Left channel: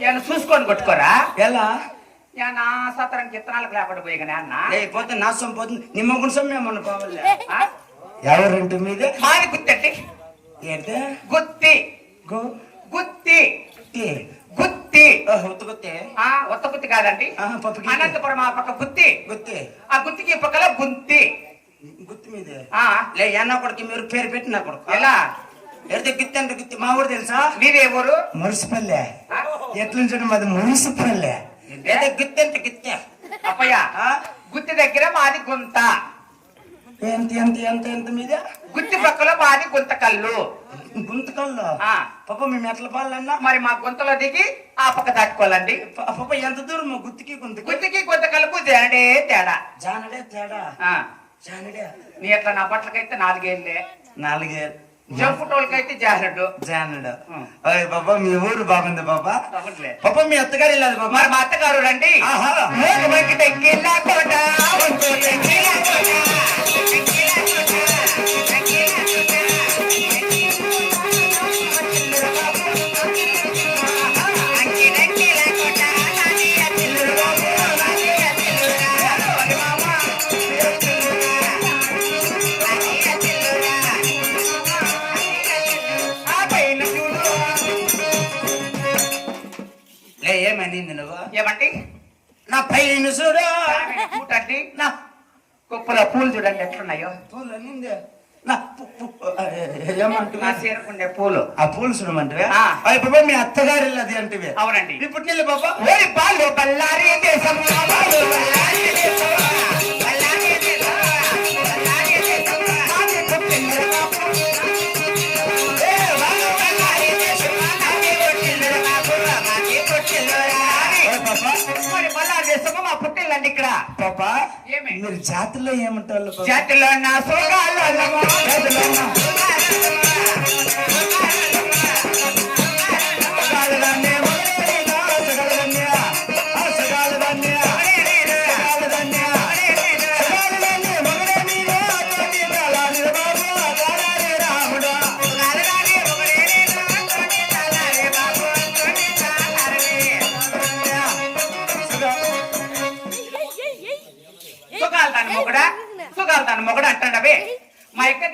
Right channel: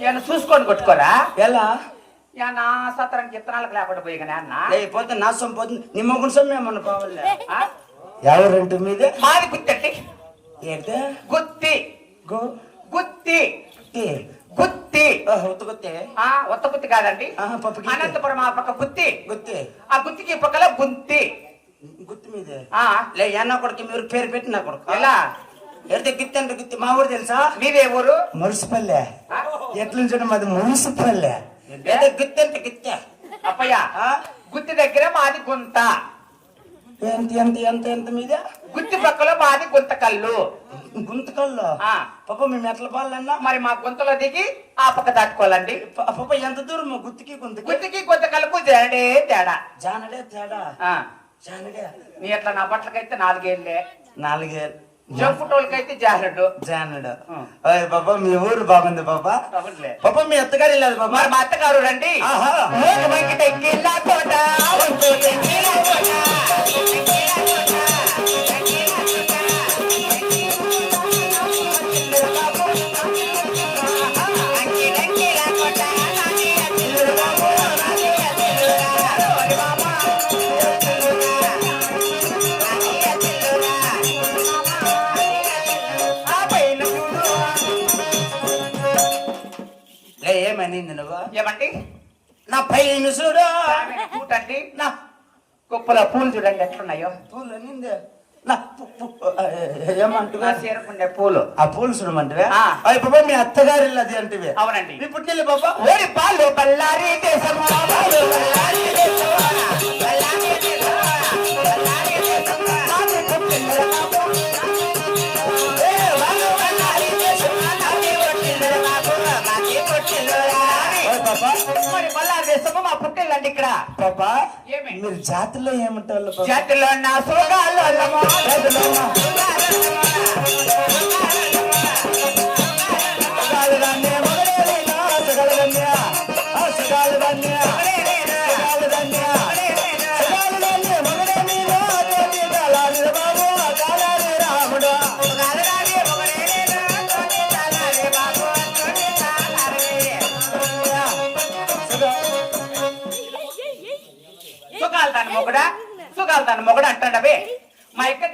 ఏమన్నా చూసుకొని కొట్టుకోరా? ఎలా? యా నా సత్రానికి ఇత్తనాలకు లేకుండా పోయి కానీ అన్న లేకపోతే నా సొమ్ము పోతుంది. నీ మొగ్గుడు సొమ్ము ఏమన్నా పోవాలే ఆ? ఎవరంటే మీదే? మాది గుత్తి ఏంటే? గుత్తి. గో? గుత్తి. ఏ. గుత్తి. ఓహ్, ఉతుకుతే ఆ ఒత్త గుత్తి కాదండి. ఆహా, పప్పు గిత్తి. అనంతపురం ఆ పక్క గుత్తి. గుత్తి? ఆ గుత్తికి ఈ పక్కల గుంతి. గుత్తి మీదే? ఆ. లే అన్న కొడుకు మీరు పేరు పెట్టి నా కొడుకు. ఎలా? ఎడితే గుత్తి అంటే గుత్తి మా ఊరు తెలుసా? నీదే ఊరు? మురిసిపల్లె. ఆ? ఎట్లుంచడం మాది మురిసిపల్లె? అయితే గుత్తి అంటే గుత్తే అప్పయ్య ఆ? గుత్తి దగ్గర మాది గుంత. ఎంత ఎంత ఎంత ఎంత మీద? గుత్తి పక్కలో మాది గుంత కళ్ళు గుంతకల్లో. పాప మేము ఎట్లా పాలన్నా? మరి మా గుంతలో దిగి ఆ పక్క దాటుకోవాలండి. పాప ఎంత దూరం? గుత్తికి గుంతకి గుత్తికి గుంత కళ్ళకు జరడే తేడా. జానడే తేడా? జానడే. నీ అట్లా నా బట్టలకైతే నాలుగేళ్ళే. నాలుగే జంపుటోళ్ళకైతే జానడు. ఓయ్ బాబా మీ ఊరు బాగుంది బాబా. అవునులే. పాప మీ అత్తగారు వెళ్ళాలి బాబా. మరి మా అత్తగారు రండి. ఆహా. ఏమండి నా పైన చూడు. ఆమె కూటండి నా కుప్పలో పూలు చూడండి ఎట్లున్నాయో. పూలు అనింది నా ఏమంటున్నా చీరకుండే పూలు. ఆ పూలు. అయ్యి బాబా మీ అత్తగారు అంటివే? అవునండి. ఇప్పుడు నీళ్ళు బాబా? ఓరి పాలు బల్లారి పాలు బల్లారి మరి బల్లారి దేశము మా పుట్టిల్లండి ఇక్కడ పాపా ఏమి? మీరు జాతిలో ఏమంటారు పాపా? జాతిలో నా సోగాలు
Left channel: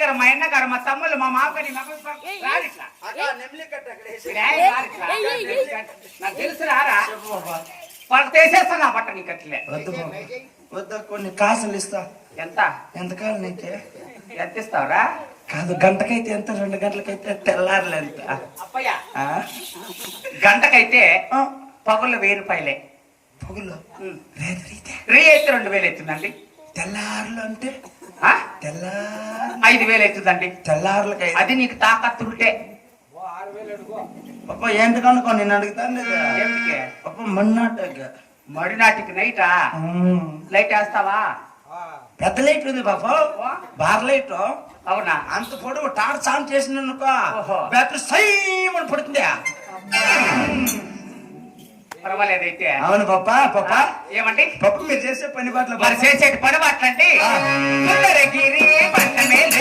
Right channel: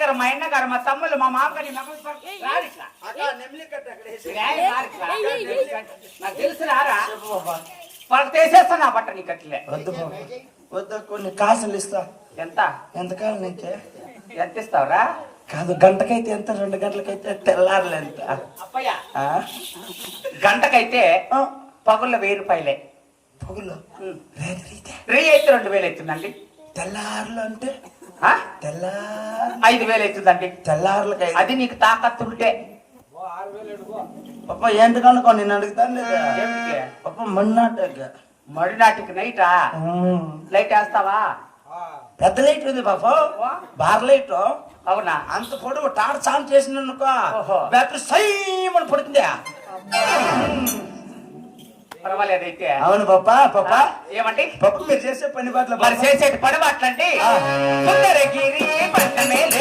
గారు మా అన్న గారు మా తమ్ముళ్ళు మా రారిట్లా. నాకు తెలుసు రారా. వాళ్ళకి తీసేస్తాను ఆ బట్ట నీకు అట్లే వద్దు. వద్దు కొన్ని కాసులు ఇస్తా. ఎంత? ఎంతకాలం నీకే? ఎంత ఇస్తావురా? కాదు గంటకైతే ఎంత? రెండు గంటలకైతే తెల్లారులు ఎంత అప్పయ్య? గంటకైతే పగుల్లో వెయ్యి రూపాయలే. పగులు రేత్రైతే రీ అయితే రెండు వేలు అవుతుందండి. తెల్లారులు అంటే? తెల్లా ఐదు వేలు అవుతుందండి. తెల్లారులకై అది నీకు తాకత్తుంటే పాప ఏంటి కనుకో నేను అడుగుతాను లేదా? ఏమిటికి? పాప మొన్నటికి మడినాటికి నైటా? లైట్ వేస్తావా? పెద్ద లైట్ ఉంది పాప బార్ లైట్. అవునా? అంత పొడవు టార్చ్ ఆన్ చేసిన. బ్యాటరీ సైమని పడుతుంది. పర్వాలేదు అయితే అవును పాప పాప. ఏమండి? పాప మీరు చేసే పని బాట్ల మరి చేసేటి పడవ అట్లండి సుందరగిరి పంట మీద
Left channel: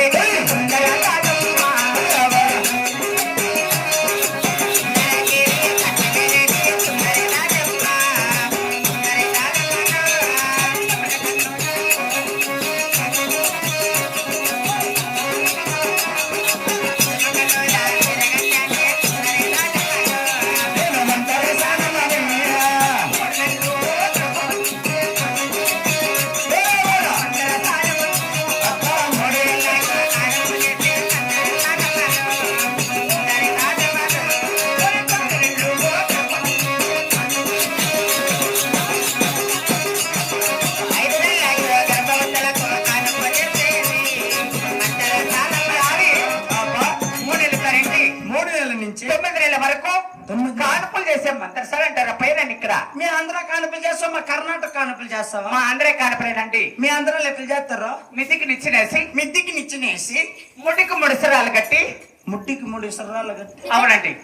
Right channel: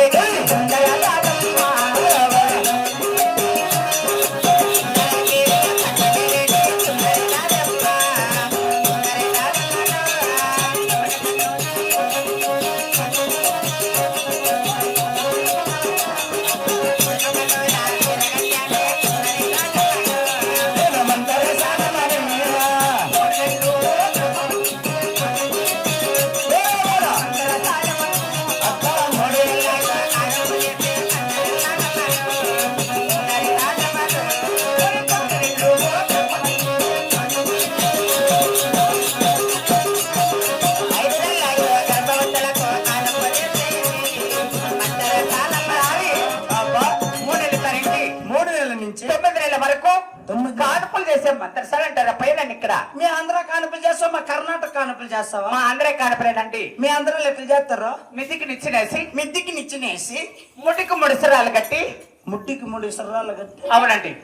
మంత్రి సార్ అంటారా? పైన ఇక్కడ. మీ ఆంధ్ర కానుపులు చేస్తావా? మా కర్ణాటక కానుపులు చేస్తావా? మా అందరే కానుపులేనండి మీ ఆంధ్రాలో ఎట్లా చేస్తారో? మితికి నిచ్చినేసి. మిద్దికి నిచ్చినేసి. ముటికి ముడిసరాలు కట్టి. ముట్టికి మూడు సర్రాలు కట్టి. అవునండి.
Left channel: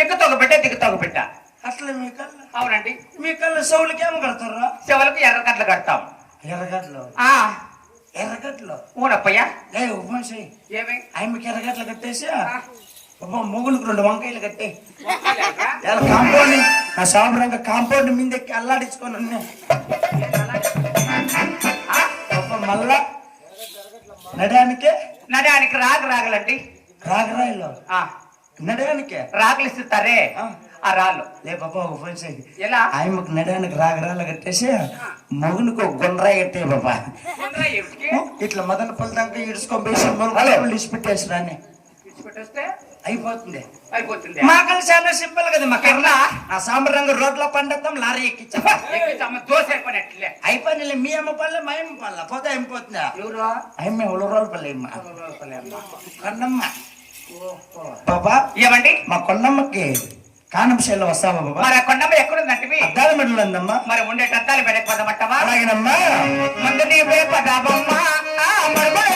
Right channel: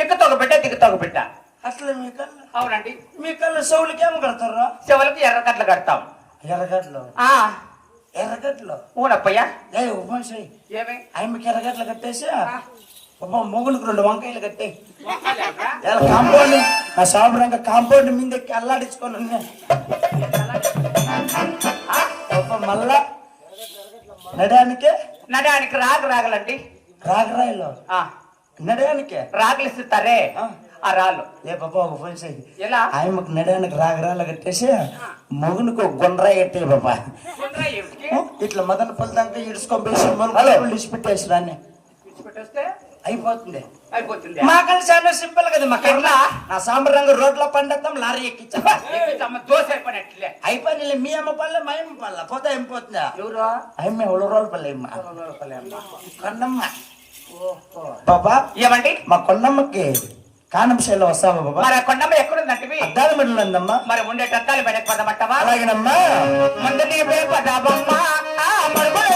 ఎక్కుతోక బిడ్డ దిగుతోక బిడ్డ అట్లా మీ కళ్ళ అవునండి. మీ కళ్ళ సౌలకి ఏం కడతారు? చెవులకు ఎర్రకట్లు కడతాం. ఎర్రగడ్డలు. ఆ. ఎర్రగడ్డలు. ఊనప్పయ్య. ఏ ఉపమాసి ఏమి? ఆయనకి ఎర్రగడ్డలు కట్టేసి? పాప మొగునికి రెండు వంకాయలు కట్టే. కాంపౌండ్ నా? సాంబరంగా కాంపౌండ్ మీదకి అల్లాడించుకొని ఉన్నా. పాప మళ్ళా నడయానికే నడానికి రాగు రాగలండి. రాగరాయిలో? ఆ, నడయానికే రాగులు ఇస్తారే ఆ. రాళ్ళు. లే పాప ఒక ఫోన్ చేయి. ఎలా? ఆయమ్మకు నడయానికి రాగరాలు కట్టేసి మొగునికి ఒక గుండ్రాయి కట్టే ఏమిటికి? ఇట్లా మదన పల్లి దాకా ఇడుచుకొని పోయి ఇడిచిపెట్టేసి రాని. ఇచ్చిపెట్టేస్తే? అయిపోతుంది అయిపోతుంది మా కలిసి చాలా సింపుల్ కదా మా కర్ణ నా సాంబరంగా రోడ్లో పండిద్దాం లారీ ఎక్కించా. ఎక్కించమ్మ, దోశ అయిపోయినట్లే. అయిపోయింది మీ అమ్మ పల్లె మా అమ్మ పల్లె పోతే అయిపోతుందా ఎవరు? అమ్మ ఎవరు రోజుల పల్లె అమ్మ కొండమ్మ బాబా ఏమండి? మా కొండమ్మకి కానం శైలి వస్తావా బాబా? మరి కొండమ్మ ఎక్కడుందంటివి అద్దాల మెడలు ఉందమ్మా. మరి ఉండే టత్తాలు మెడకు పదమంటావా అలాగేనమ్మా. ముందు నీ పదబమ్మ. ఆ మరుగుడు